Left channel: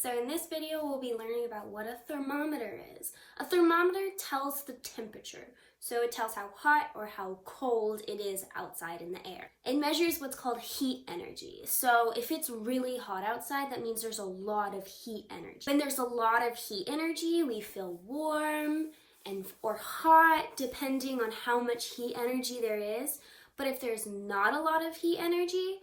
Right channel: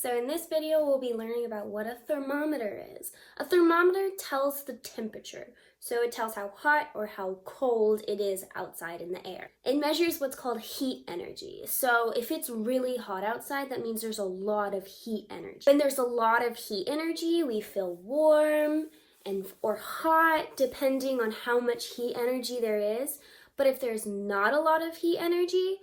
So in this video, we'll be learning about what a thermometer is. A thermometer tells the temperature. So it tells how hot or how cold it is outside in the air. It measures what's called heat energy. So if it's really hot outside, that means there's a lot of heat energy. When there's a lot of heat energy, we feel warm or hot, depending on how much heat energy there is. But if there's not a lot of heat energy,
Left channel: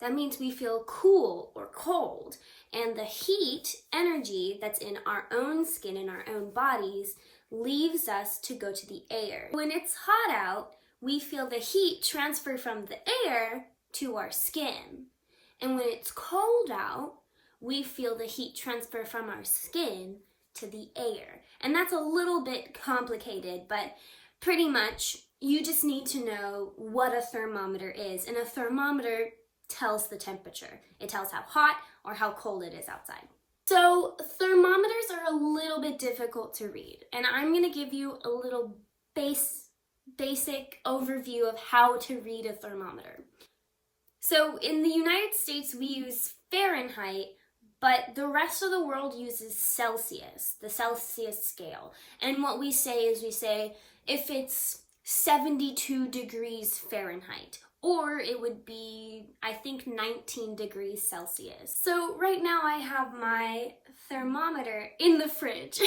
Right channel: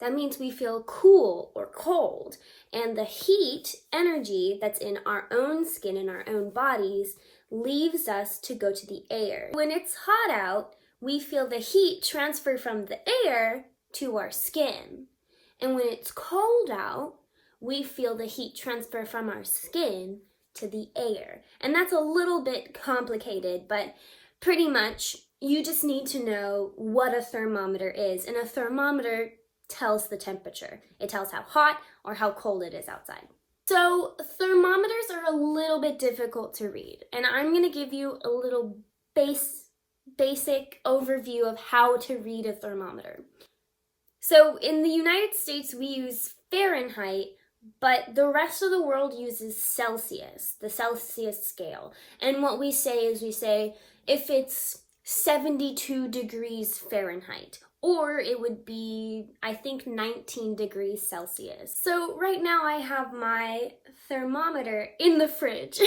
that means we feel cool or cold. And the heat energy that's in our own skin, in our own bodies, leaves us to go to the air. When it's hot out, we feel the heat transfer from the air to our skin. And when it's cold out, we feel the heat transfer from our skin to the air. And that's a little bit complicated, but pretty much you just need to know what a thermometer is. And a thermometer tells the temperature. It tells how hot or how cold it is outside. So thermometers are a little bit difficult to read, and I'm going to give you a little basic overview of how to read a thermometer. So in the United States, we use Fahrenheit, but the rest of the world uses Celsius, the Celsius scale. And what we say is if it's 72 degrees Fahrenheit, or it would be, I think, 19 degrees Celsius. So right now I have my thermometer in the fridge.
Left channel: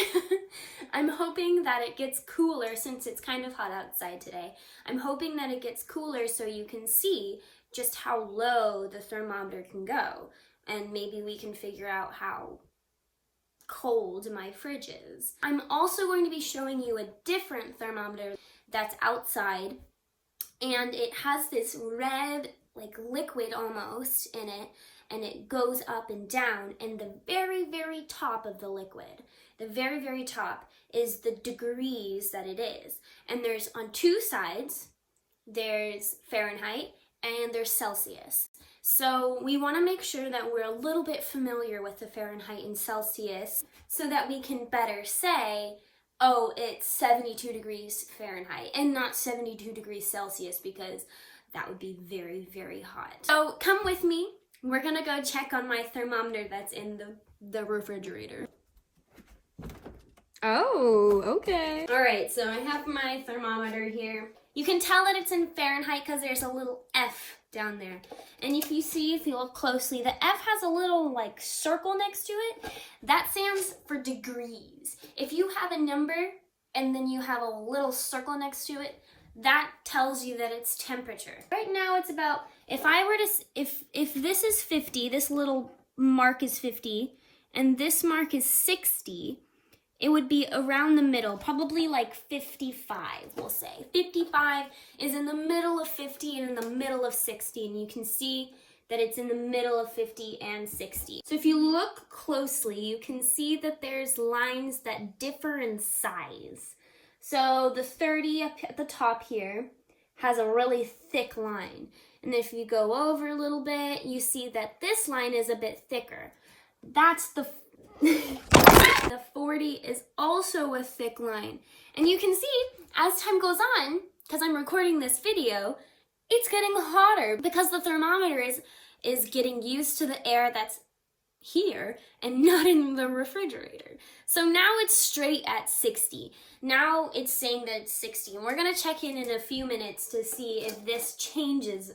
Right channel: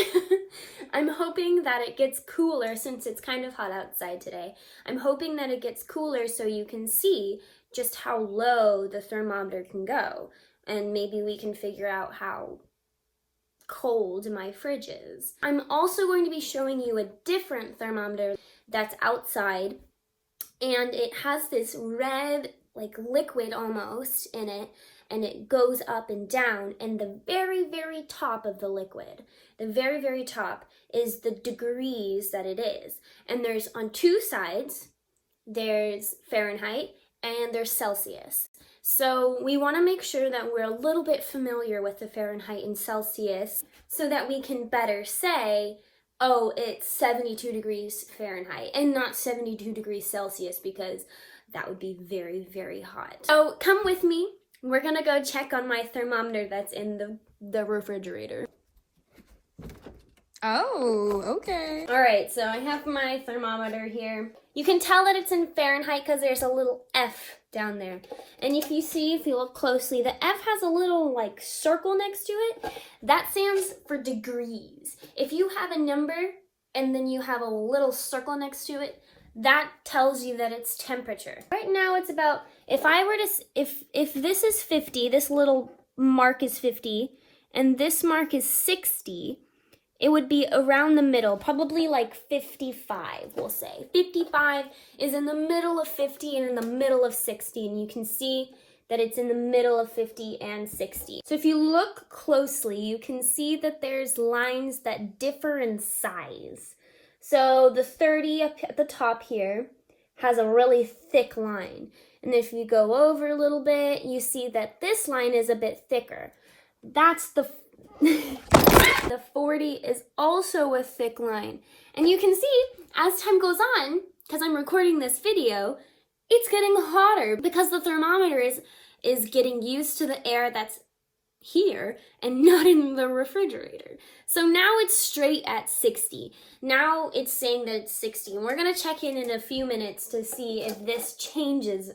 I'm hoping that it gets cooler since it's kind of hot outside today. I'm hoping that it gets cooler so you can see just how low the thermometer can go. And maybe we can figure out how cold my fridge is. I'm also going to be showing you a different thermometer that's outside. And it has this red, like liquid almost in it, and it goes up and down. And the very, very top of the liquid, the very, very top is the degrees that it is. And there's on two sides, there's Fahrenheit and there's Celsius. So we want to make sure that we're a little bit familiar with the Fahrenheit and Celsius so that we can better say, oh, it's 72 degrees Fahrenheit and not 72 degrees Celsius, because that would be very, very hot. So come with me. We're gonna go check on my thermometer that's in the refrigerator. Oh, okay. All right, so I have my thermometer here. You can tell that it's in Fahrenheit because there's a little F down there. And if you look closely, the F has a little like circle next to it. That stands for degrees. If you have a number and then you have a little circle next to it, that tells you that it's temperature. Right now it's about, if this is 50, this little mark is 50, and this mark is 60, it would be around the middle, probably like 55, we'll say. 55 is in the middle of 50 and in the middle of 60, and you can see that it's in the middle of 50 and 60. So if you look closely, you can see that there's lines that differ in size. So the 30 up at the top here has a really thick line. And if you go over a little bit, you see that this line is a bit thicker. That's the 40 is also a thick line. And you can see, as time goes on, because I'm recording this video, it's getting hotter because the thermometer is getting used to the air that's here and not in the refrigerator. So now it's straight at 60. Now it's saying that it's 60. And we're going to check in a few minutes to see if this changes.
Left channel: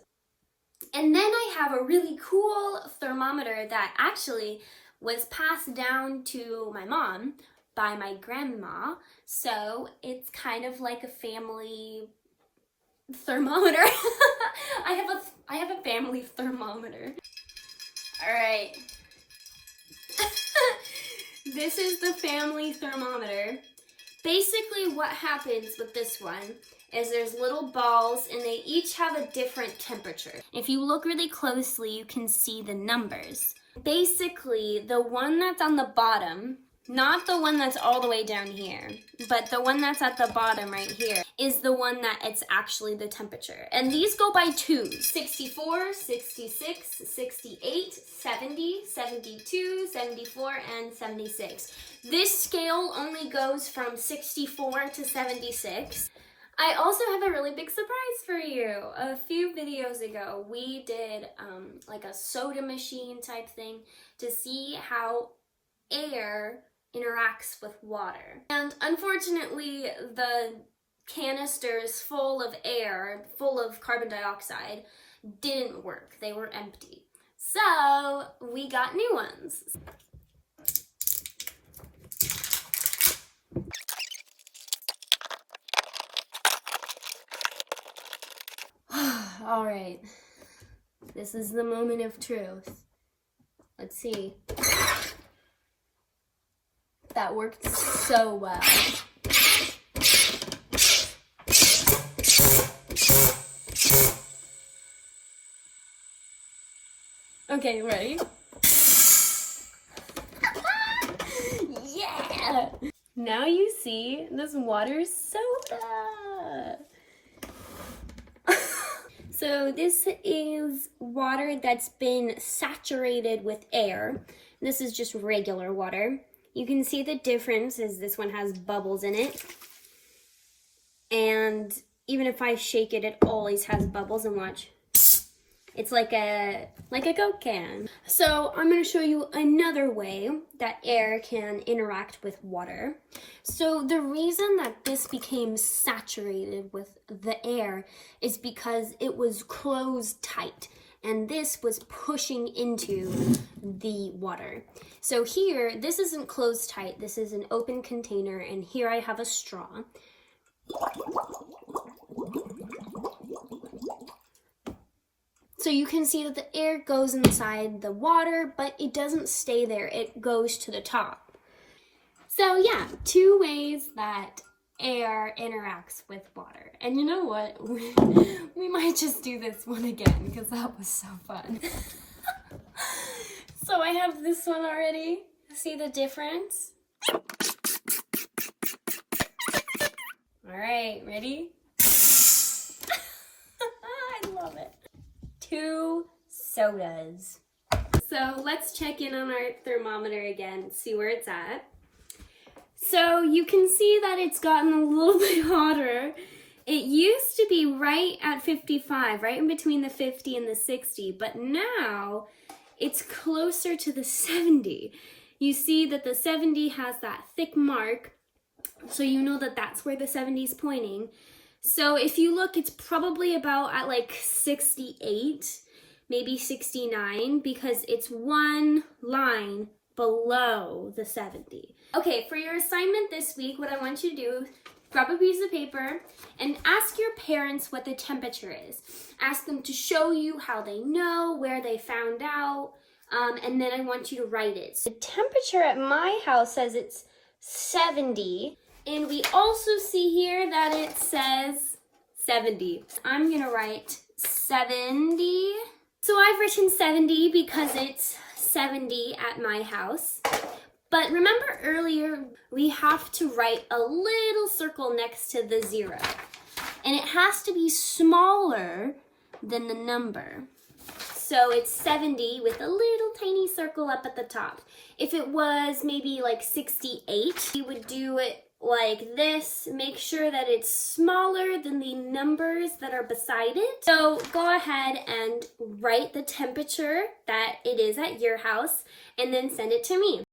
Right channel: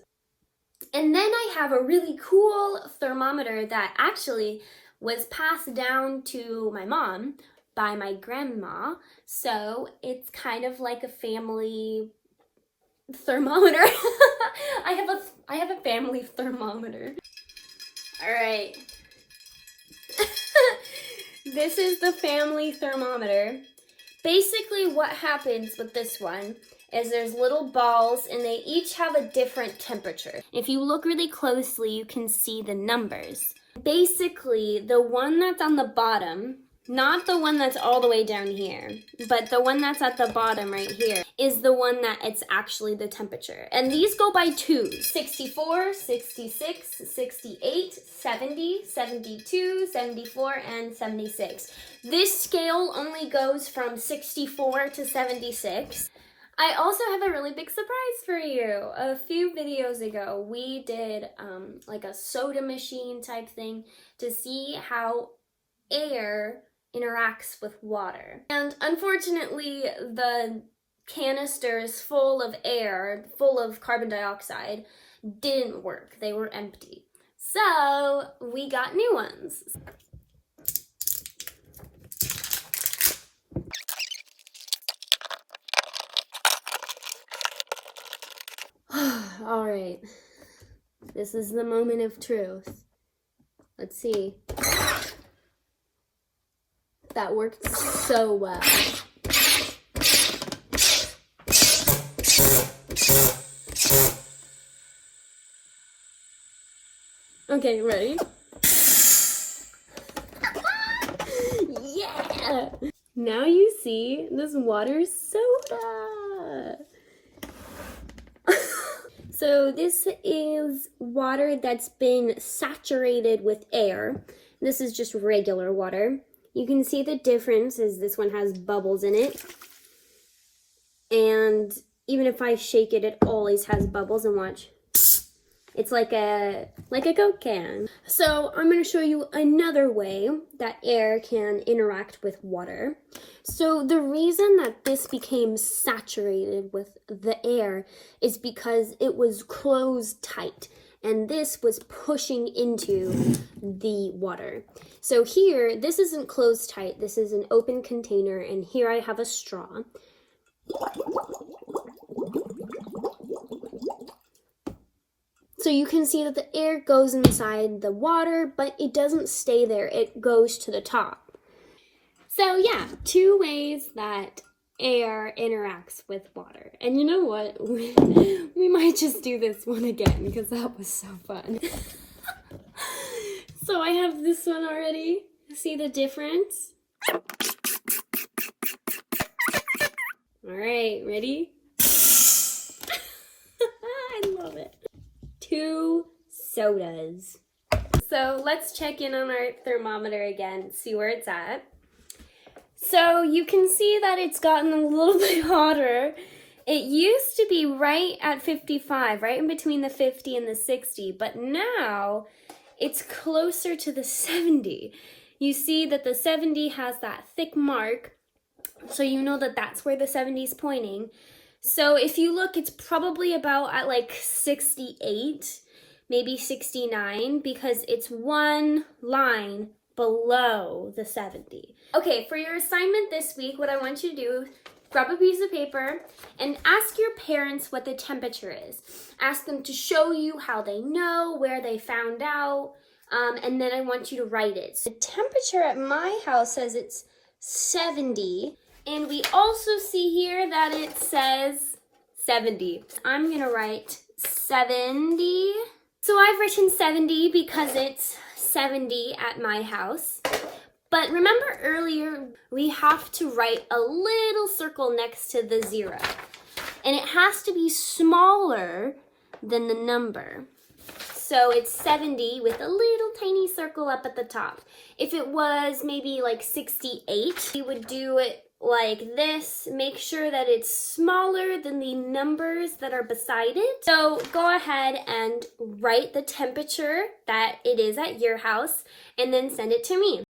And then I have a really cool thermometer that actually was passed down to my mom by my grandma. So it's kind of like a family thermometer. I have a family thermometer. All right. This is the family thermometer. Basically what happens with this one is there's little balls and they each have a different temperature. If you look really closely, you can see the numbers. Basically, the one that's on the bottom, not the one that's all the way down here, but the one that's at the bottom right here is the one that it's actually the temperature. And these go by twos: 64, 66, 68, 70, 72, 74, and 76. This scale only goes from 64 to 76. I also have a really big surprise for you. A few videos ago, we did like a soda machine type thing to see how air interacts with water. And unfortunately, the canisters full of air, full of carbon dioxide, didn't work. They were empty. So we got new ones. All right, this is the moment of truth. Let's see. That worked so well. Okay, ready? Yeah! Now you see this water soda. So this is water that's been saturated with air. This is just regular water. You can see the difference is this one has bubbles in it. And even if I shake it, it always has bubbles, and watch. It's like a Coke can. So I'm going to show you another way that air can interact with water. So the reason that this became saturated with the air is because it was closed tight, and this was pushing into the water. So here, this isn't closed tight, this is an open container, and here I have a straw. So you can see that the air goes inside the water, but it doesn't stay there, it goes to the top. So yeah, 2 ways that air interacts with water. And you know what? We might just do this one again because that was so fun. So I have this one already. See the difference? All right, ready? I love it. 2 sodas. So let's check in on our thermometer again, see where it's at. So you can see that it's gotten a little bit hotter. It used to be right at 55, right in between the 50 and the 60, but now it's closer to the 70. You see that the 70 has that thick mark, so you know that that's where the 70 is pointing. So if you look, it's probably about at like 68, maybe 69, because it's one line below the 70. Okay, for your assignment this week, what I want you to do, grab a piece of paper and ask your parents what the temperature is. Ask them to show you how they know, where they found out, and then I want you to write it. So the temperature at my house says it's 70, and we also see here that it says 70. I'm gonna write 70. So I've written 70 because it's 70 at my house. But remember earlier, we have to write a little circle next to the 0. And it has to be smaller than the number. So it's 70 with a little tiny circle up at the top. If it was maybe like 68, you would do it like this. Make sure that it's smaller than the numbers that are beside it. So go ahead and write the temperature that it is at your house and then send it to me.